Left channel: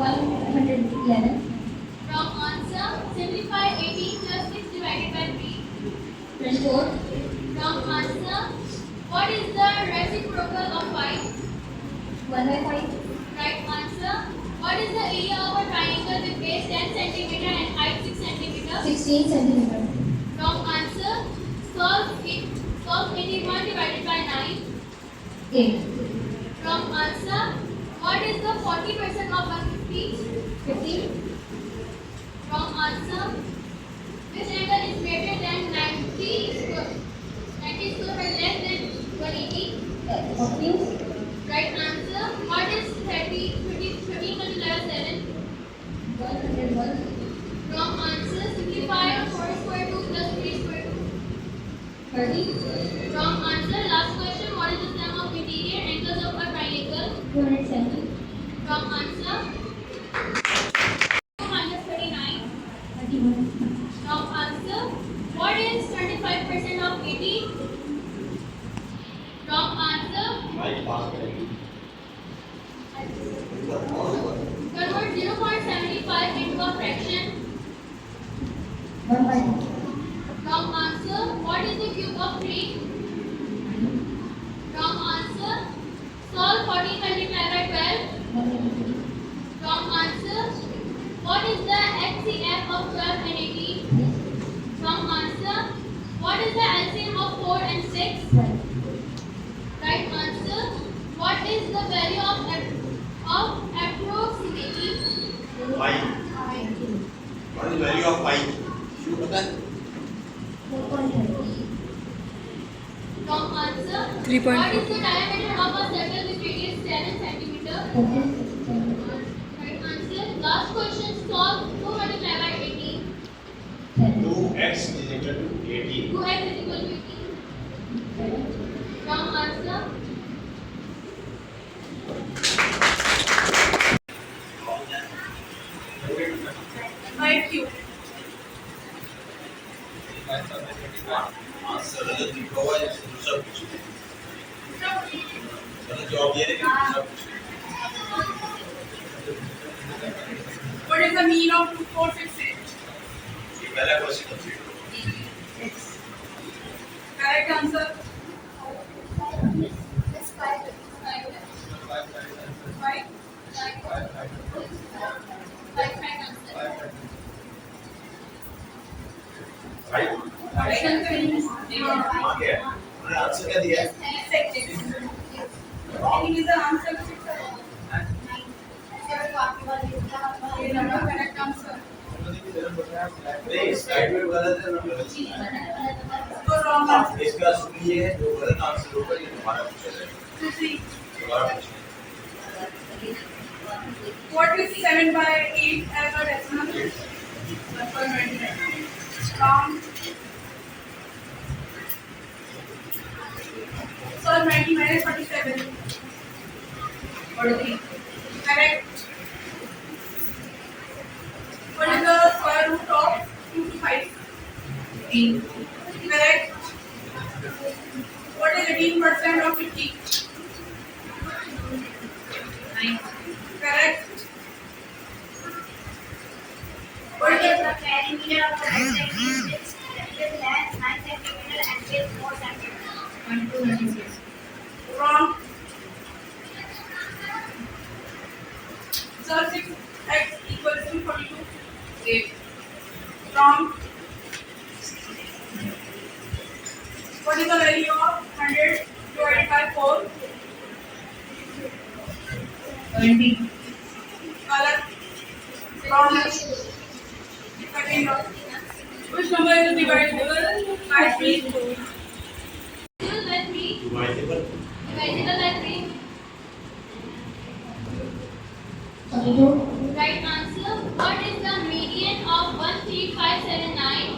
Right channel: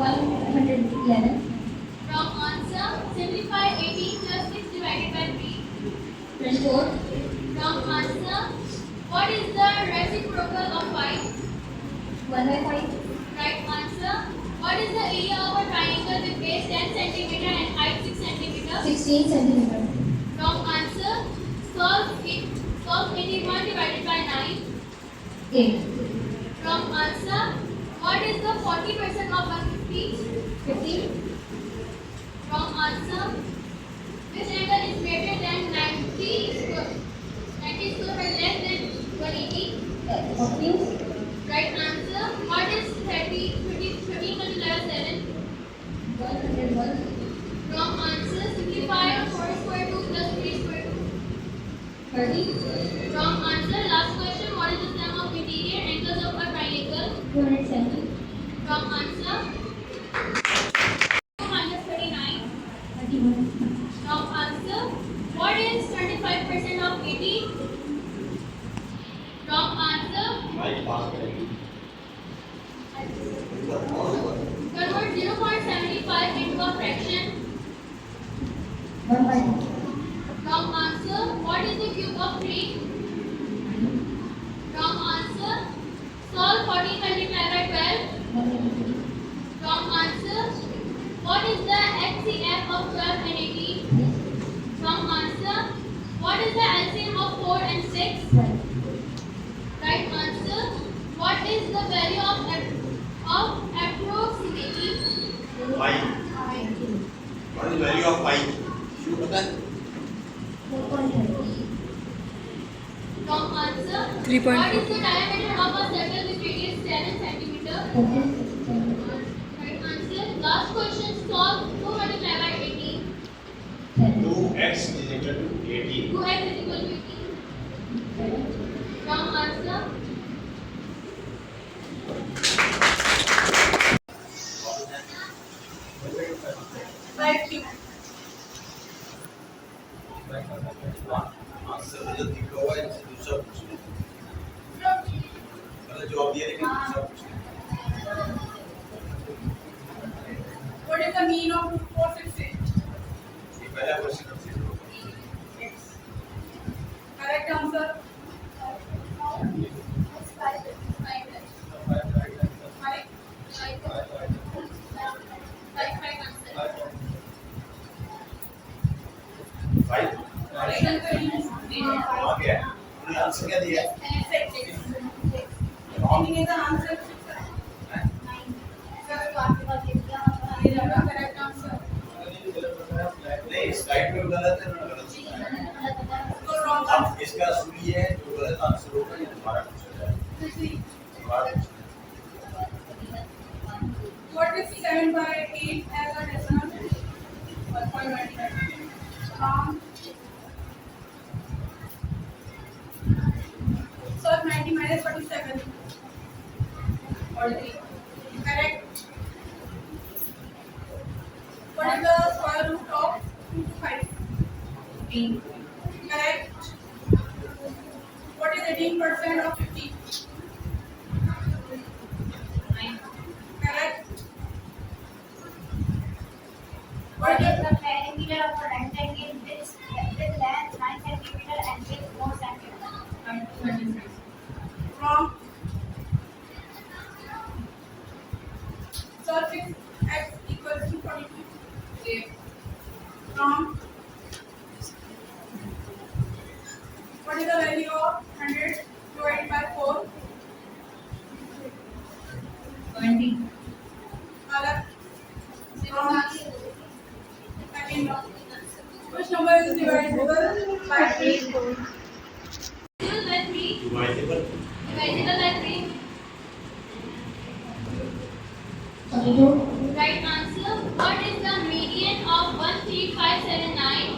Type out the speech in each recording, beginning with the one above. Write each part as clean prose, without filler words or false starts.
111. Wrong answer. Simplify 18 plus 6 divided by 3. 24. Wrong answer. What is the reciprocal of 5? 1/5. Right answer. What is the area of a triangle with base 10 cm and height 6 cm? 16 centimeter. Wrong answer. Solve 81 divided by 9. 8. Wrong answer. What is the 40% of 150? 15. Wrong answer. Which angle is greater than 90 square but less than 180? 14. Right answer. What is 13 multiplied by 7? 101. Wrong answer. Simplify 4 square 2 plus 3 square 2. 30. Wrong answer. Last question. What is the sum of interior angles of a triangle? 270. Wrong answer. 2 minus 39. 31. Wrong answer. What is 25% of 80? Wrong answer. Convert 0.75 into a fraction. 1/5. Wrong answer. What is the cube of 3? Wrong answer. Solve 14 multiplied by 12. 183. Wrong answer. What is the HCF of 12 and 18? Wrong answer. What is the LCM of 4 and 6? 12. Right answer. What is the value of approximately? 5. What is the value of 5? 4.30. Wrong answer. 3.4. What is the diameter of a circle with radius 7 cm? 14 centimeter. Right answer. Last question. Solve 2 multiplied by 18. 10. 2x is equal to 18. 2x is equal to 18. Wrong answer. By cube. Answer गलत लिखा हुआ है दूसरा पूछना गलत जवाब दिया लेकिन दूसरा पूछना What is the mean of 2, 4, 6, 8? ये पहला क्वेश्चन कंप्लीट करो Correct answer. 5 आ गया उन्होंने आंसर क्या दिया है wrong Is the answer 6 or 9? Correct answer. नहीं स्लाइड में गलत है ना गलत है So wrong अब answer. इसका असली ये है जो गलत आंसर होगा ये हमारा पूछा जाएगा सवाल पूछना What is 7 by 8 as a decimal? 1.29. Wrong. Solve 90 minus 47. 43. Correct. What is the square root of 2 to 5? 18. Correct. What is 18% of 50? 9. Correct. What is the perimeter of the rectangle with length 9 cm and width 4 cm? 296. Wrong. So 6x equals to 42. 8. Wrong. What is the value of 100 divided by 4? 20. Color. Wrong. Second one. Which number is divisible by 3? Divisible by 3. Dividable Divisible by 3. 42. Right answer. What is the median of 13579?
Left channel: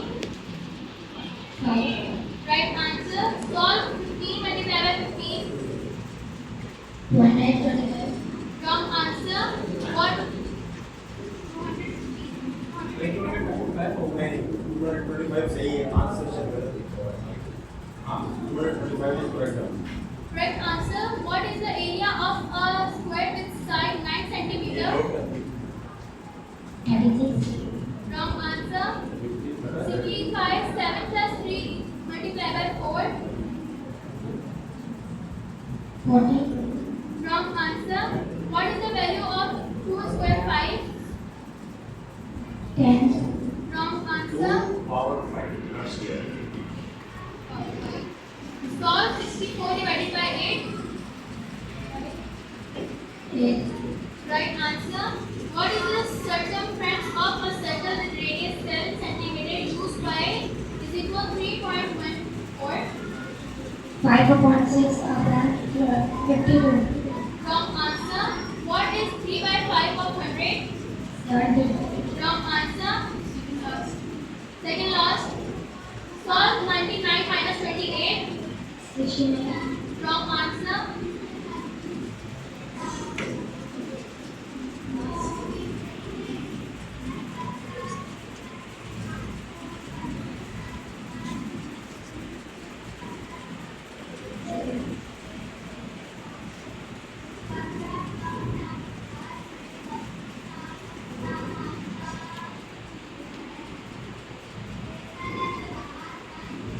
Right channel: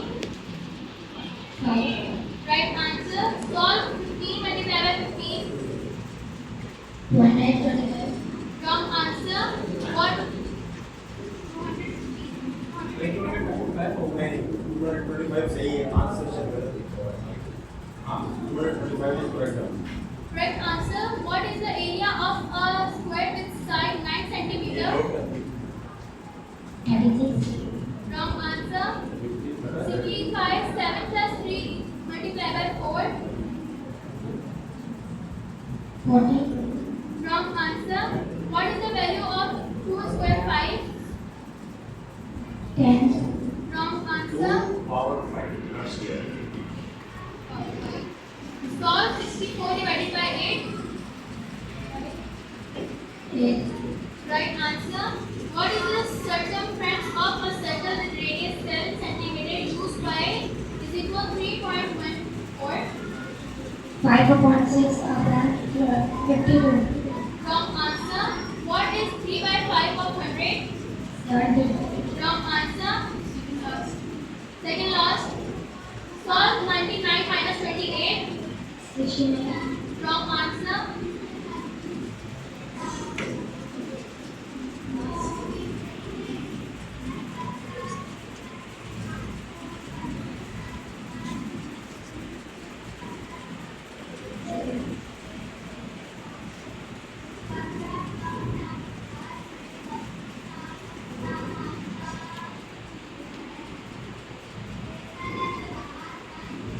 5. Right answer. Solve 15 multiplied by 15. 125. Wrong answer. What? 225 सही है answer से गलत लिखा हुआ है हाँ 225 is correct Correct answer. What is the area of a square with side 9 cm? 36. Wrong answer. Simplify 7 plus 3 multiplied by 4. 40. Wrong answer. What is the value of 2 square 5? 10. Wrong answer. 2 power 5 not square. Solve 64 divided by 8. 8. Right answer. What is the circumference of a circle with radius 7 cm used by is equal 3.14? 5 upon 6 of that 52. Wrong answer. What is 3 by 5 of 100? 70. Wrong answer. Second last. Solve 99 minus 28. 69. Wrong answer.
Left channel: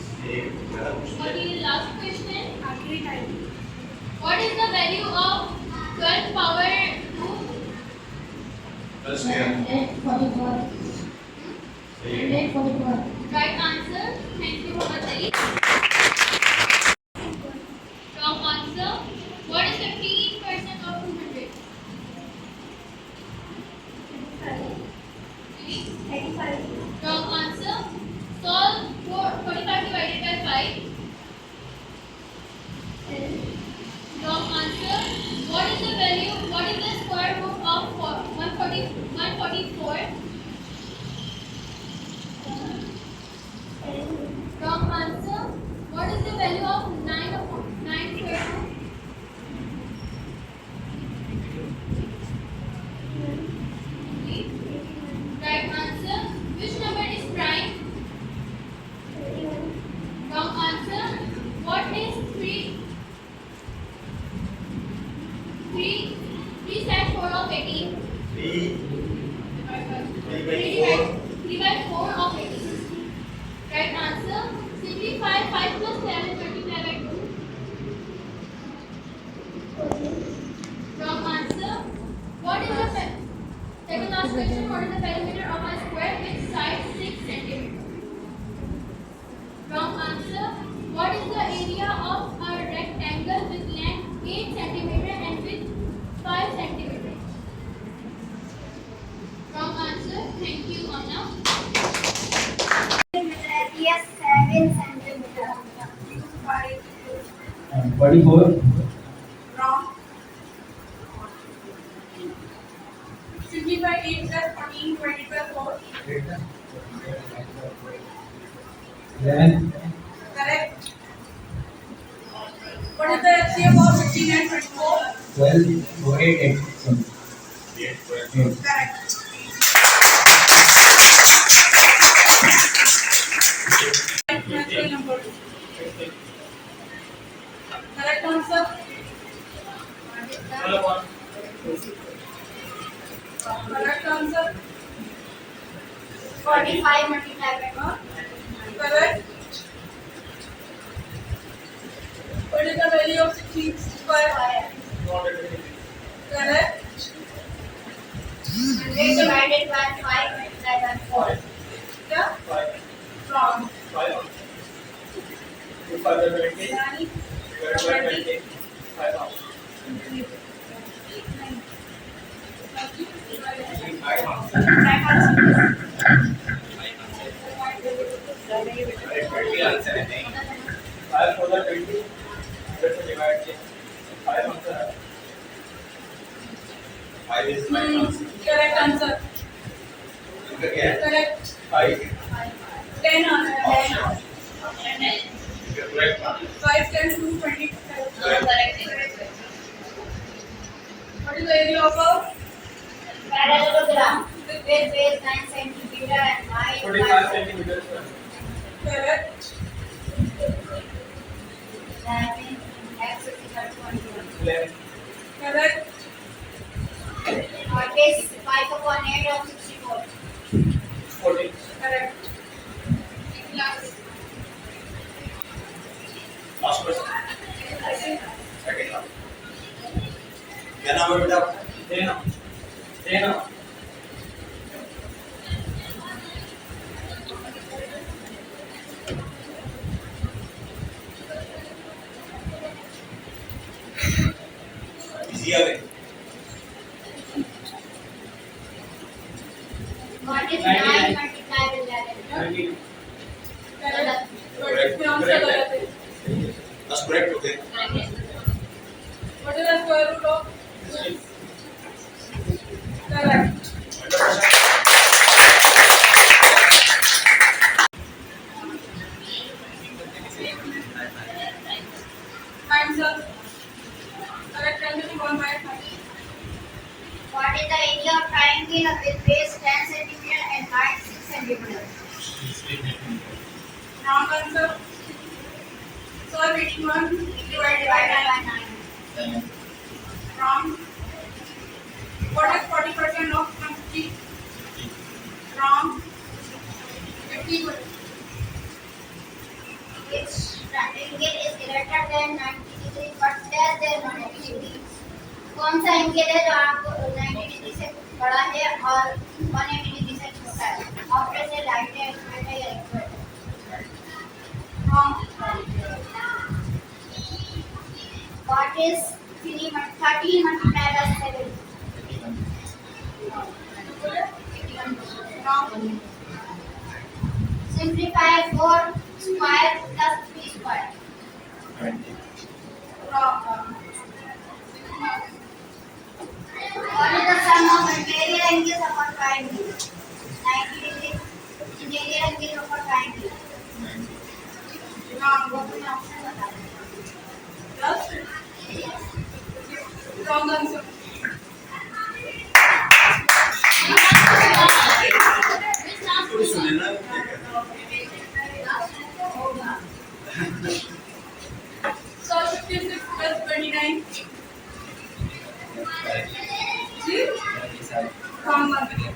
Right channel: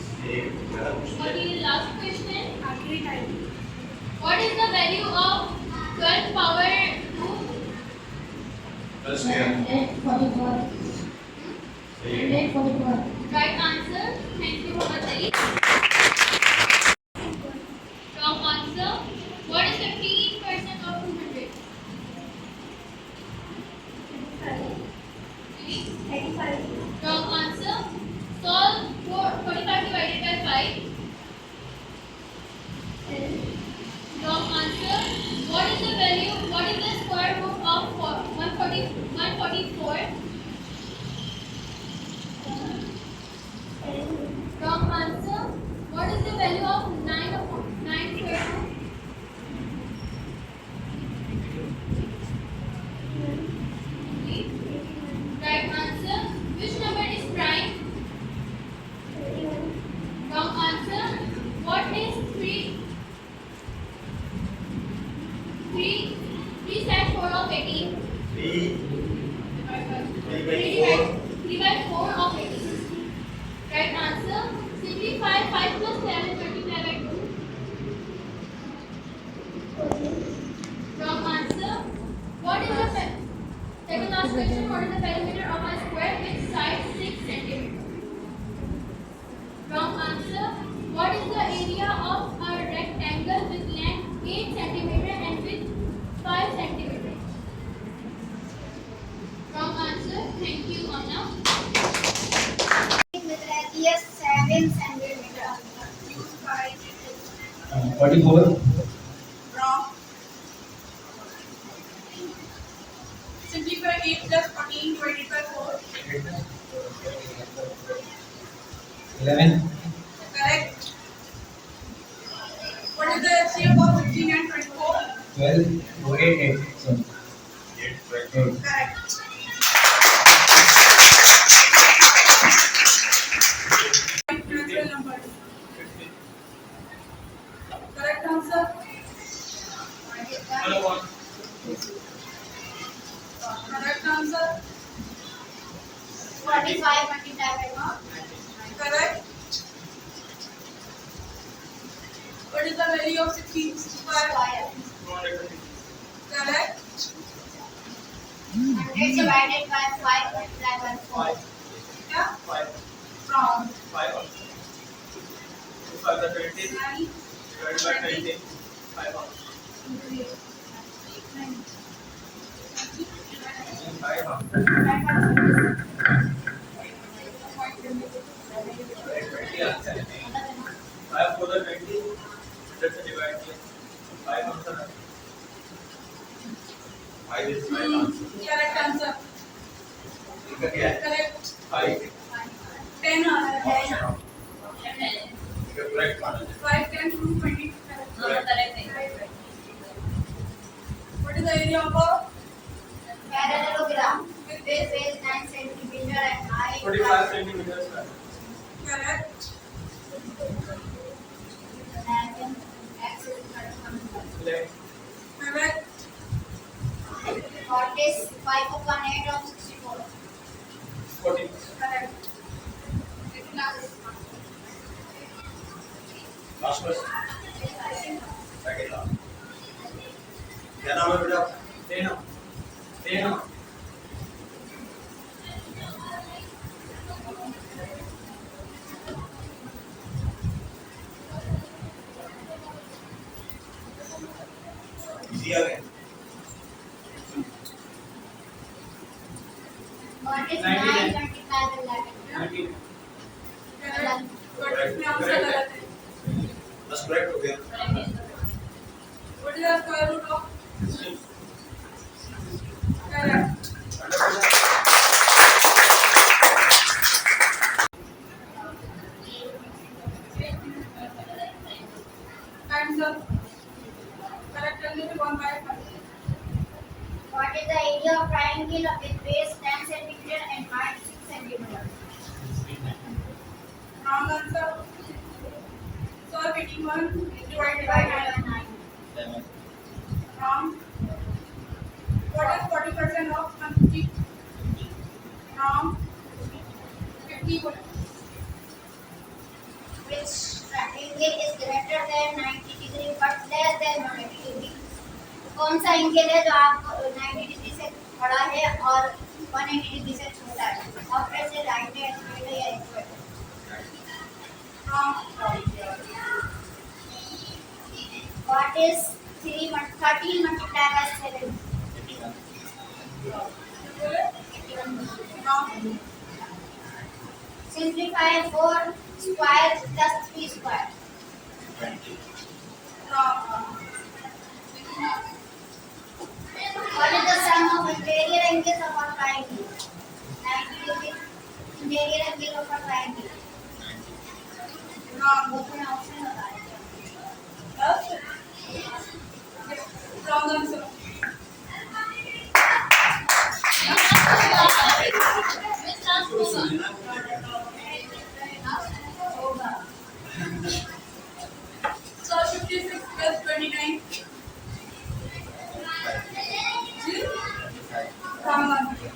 What is the last question? What is the value of 12 power 2? Plus here. 144. 144. Right answer. Thank you, Muhammad Ali. Wrong answer. What is 15% of 200? 85. Wrong answer. Solve 45 divided by 5. Wrong answer. What is the value? What is the square root of 144? Wrong answer. What is the value of 9 upon 9 square root? Right answer. Which number is prime? Wrong answer. What is 3 side 4 of 18? 3 3 by by 4 of 18. Right answer. Simplify 5 plus 7 multiplied by 2. Wrong answer. What is the second last question? What is the perimeter of a square with side 6 cm? Wrong answer. What is the area of a rectangle with length 8 cm and width 5 cm? Wrong answer. Thank you, Anna. With radius 7 centimeter used by 44. wrong. Simplify 8 plus 14 divided by 4. 11. Correct. What is the LCM of 16 and 24? 12. 8. 8. So, 8 12. 8. Correct. Natural numbers. Correct answer. Correct answer. 45 multiplied by 1. Correct. What is the value of 16 square? Square. Correct. 100 divided by 5 multiplied by 4. Yeah. 5 Wrong. 5 2 5 20 Yani, divided by 20 5 off. 5 off. Right answer. 20 answer है नहीं 5 for the 20 100 से divide किया 5 answer है 5 is right answer correct answer. इनका क्या है Correct. 5 10 answer. option इनका correct answer 5 10 to 20. correct What is the area of a Parallelogram with base 9 centimeter and height 45 centimeters square correct? That means x is equal to 21. 11 Correct. What is 5 upon 8 of 64? क्या नाम है बेटा? Easy आ गए। What is 9 multiplied with 11? Correct. But इसमें answer गलत है. बस correct हो गया। What is the square root of? Correct. Answer. Correct answer is 1/5. What is the area of triangle with base 10 centimeter and height 6 centimeter? Wrong answer. Solve 81 divided by 9. 9. Wrong. What is 40% of 150? Wrong. 50%. Which triangle is greater than 90 degree but less than 180 degree? कौन सा angle है जो आपको 90 degree से बड़ा है और 180 degree से छोटा है? ऑप्शन से राइट है, स्ट्रेट है या एक्सवर्ट है? Wrong. What is 13 multiplied by 7? बोले? 81. Wrong. Simplify 4 square plus 3 square. Wrong. What is the sum of interior angles of a triangle? 90 degree interior angle of a triangle. Wrong. वो अपने option बता दें. Yes? Wrong answer. Miss last थोड़ी होगा. सुने ना क्या कहते होगा. Solve 56 plus 29. See? Wrong answer.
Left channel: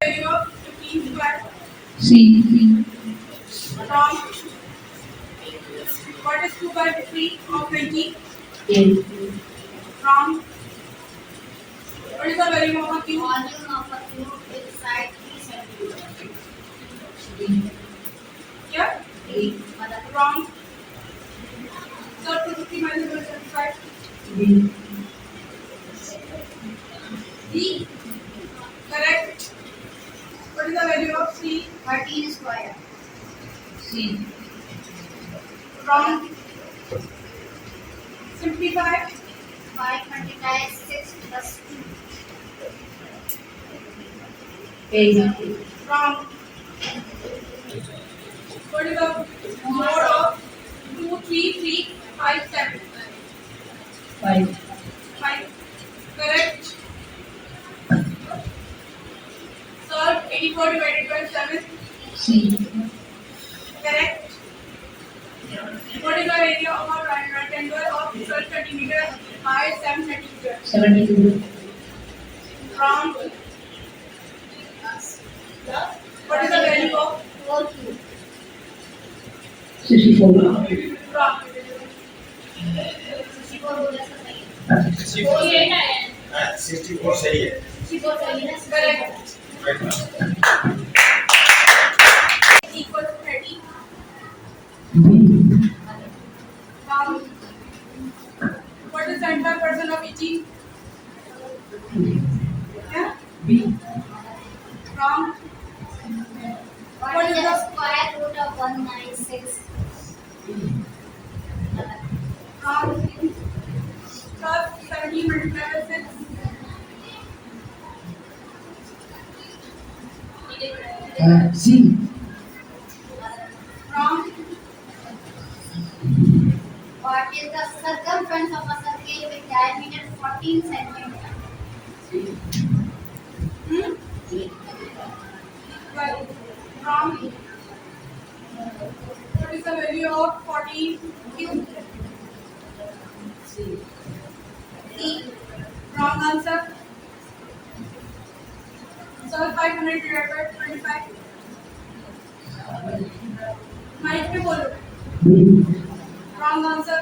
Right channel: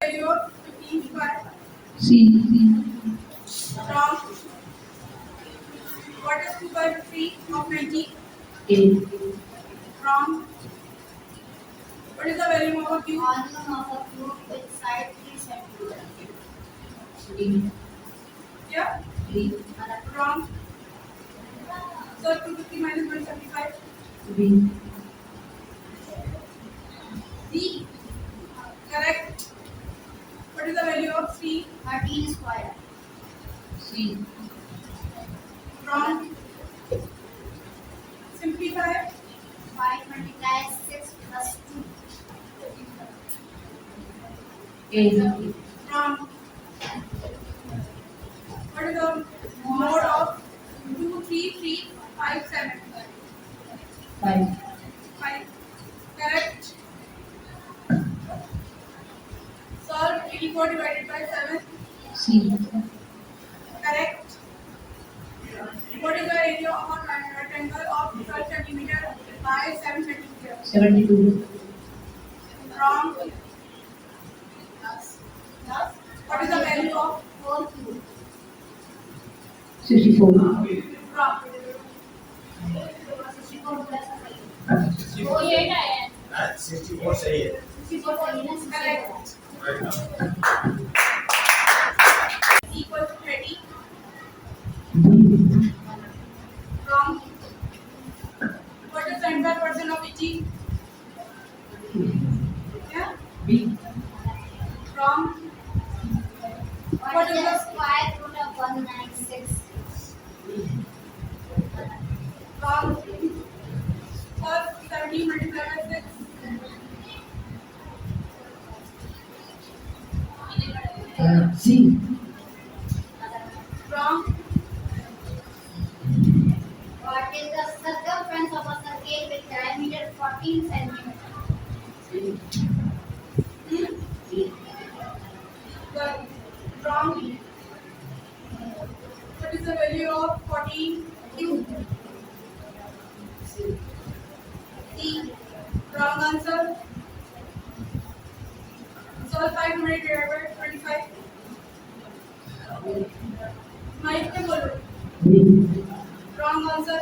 Value of 15 square. C. Wrong. What is 2 by 3 of 20? A. Wrong. What is the value of a cube? Volume of a cube with side 3 centimeter. Yeah? मतलब Wrong. Solve 250 minus 175. B. D. Correct. What is the value of C? 13 square. C. Wrong. Simplify. 5 multiplied 6 plus 2. A. Wrong. What is the mode of 2, 3, 3, 5, 7? 5. 5. Correct. Solve 84 divided by 7. C. Correct. What is the area of a rectangle of 12 centimeter by 7 centimeter? 72. Wrong. What is the value of 4 cube. 64. wrong? 64 बोला था सही. 48 आया है. हैं? 64 सही है। 64 सही ना? Correct. राइट ना? Equal to 30. B. Wrong. What is 75% of each? Yeah? B. Wrong. What is the square root of 196? Wrong. Solve 17 multiplied by 6. C. Wrong. What is the circumference of a circle with diameter 14 centimeter? Well, wrong. What is the value of 14 cube? C. Wrong answer. Solve 500 divided by 25. Mic पे बोलो. B. Wrong answer.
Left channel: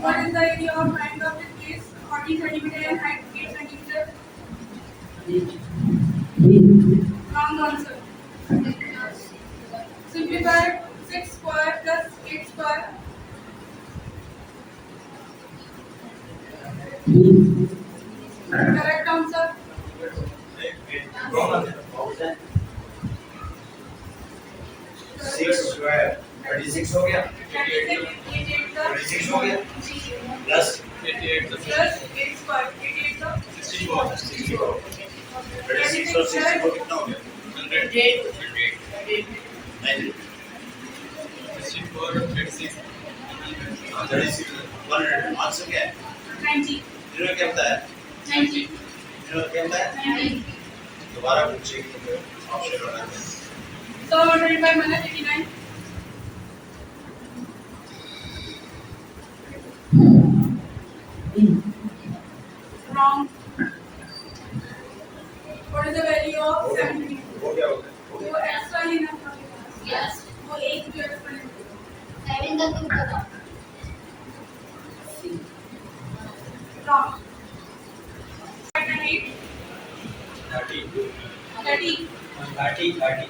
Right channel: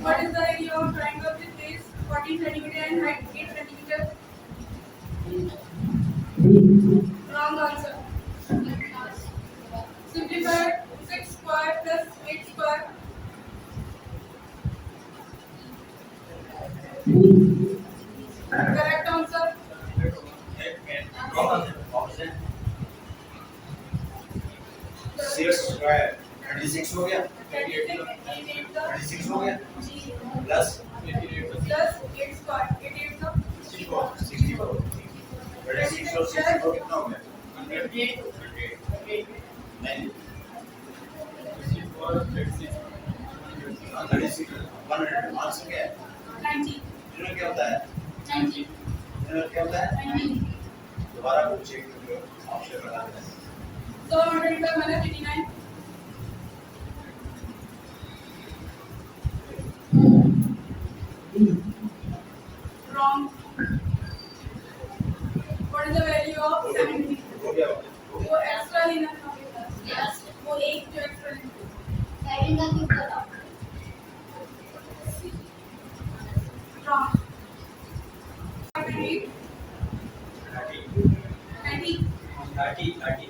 What is the area of triangle with base 14 centimeter and height 8 centimeter? Wrong answer. Simplify 6 square plus 8 square. Correct answer. Wrong answer. What was that? 6 square 36 हो गया 36 हो गया plus 88 square 88 तो 64 36 और 64 कितना हो गया 100 36 100 answer क्या है 90 इन्होंने क्या बताया 90 इन्होंने क्या बताया 90 दोबारा पूछिए ऑप्शन लगाते हैं So 125 minus 89. Wrong. What is the value of 70? हो गया वो extra ही ना था मेरे पास. Yes. वो एक जो extra है. 7 का क्यूब बताओ. Wrong. 8, 30. 30.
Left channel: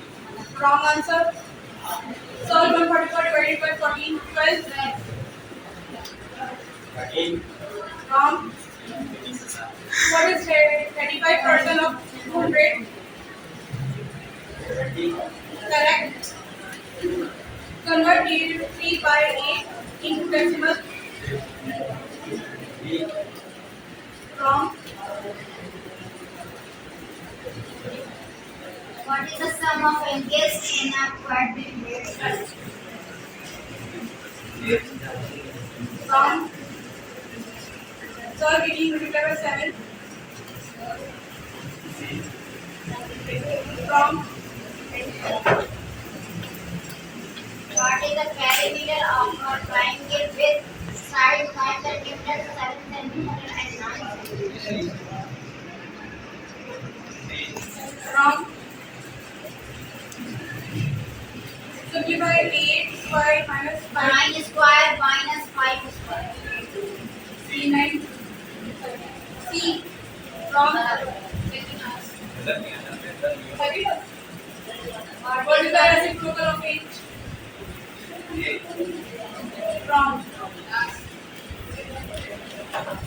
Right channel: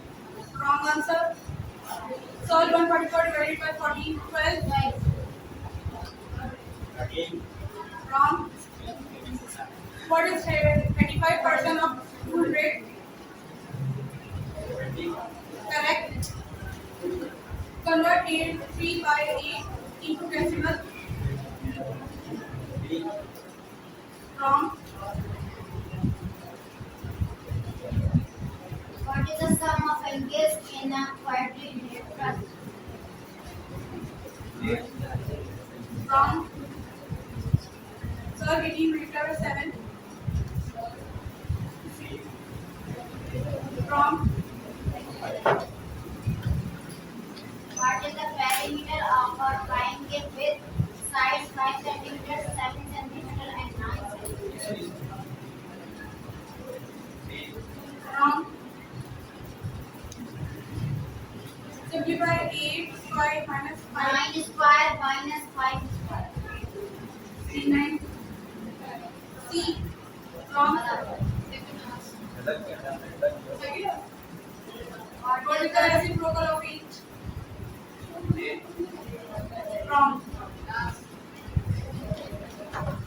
Wrong answer. Solve 144 divided by 14. 12. 13. Wrong. What is 35% of 200? 70. Correct. Convert 3 by 8 into decimal. 3. Wrong. What is the sum of angles in a quadrilateral? Wrong. Solve 18 multiplied by 7. Wrong. What is the perimeter of a triangle with sides 5 cm, 7 cm and 9 cm? Wrong. Simplify 8 square minus 5. 9 square minus 5 square. C 9. C. Wrong. What is the reciprocal of 8? Wrong.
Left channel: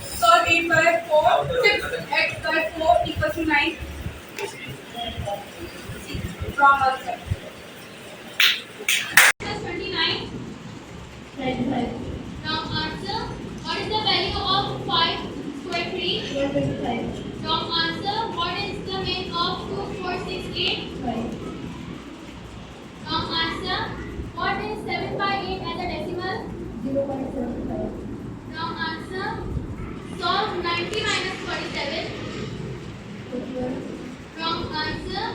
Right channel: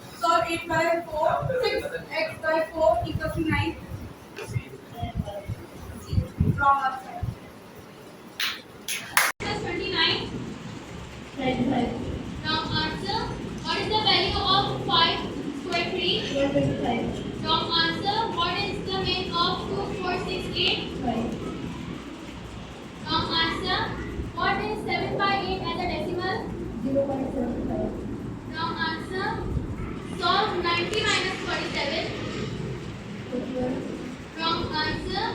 Solve 8 by 4. 6x by 4 equals to 9. Wrong answer. Plus 29. 25. Wrong answer. What is the value of 5 square 3? 125. Wrong answer. What is the mean of 2, 4, 6, 8? 5. Wrong answer. What is 7 by 8 as a decimal? 0.75. Wrong answer. Solve 90 minus 47. 41. Wrong answer.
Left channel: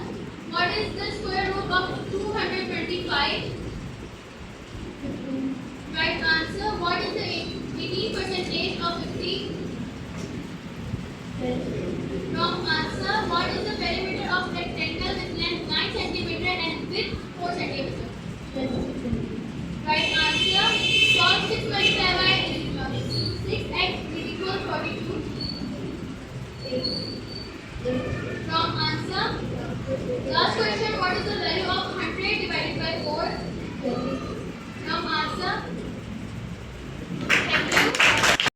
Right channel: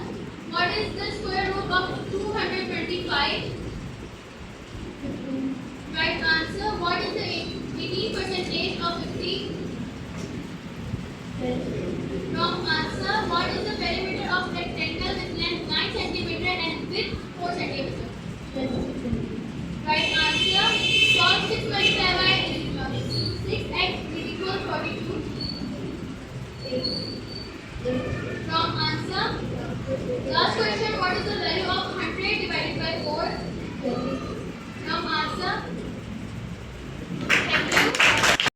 What is the square root of 225? 15. Right answer. What is the 18% of 50? 10. Wrong answer. What is the perimeter of rectangle with length 9 cm and width 4 cm? 10. Right answer. Solve 6 multiplied by 6x equals 42. 8. Wrong answer. Last question. What is the value of 100 divided by 4? 20. Wrong answer.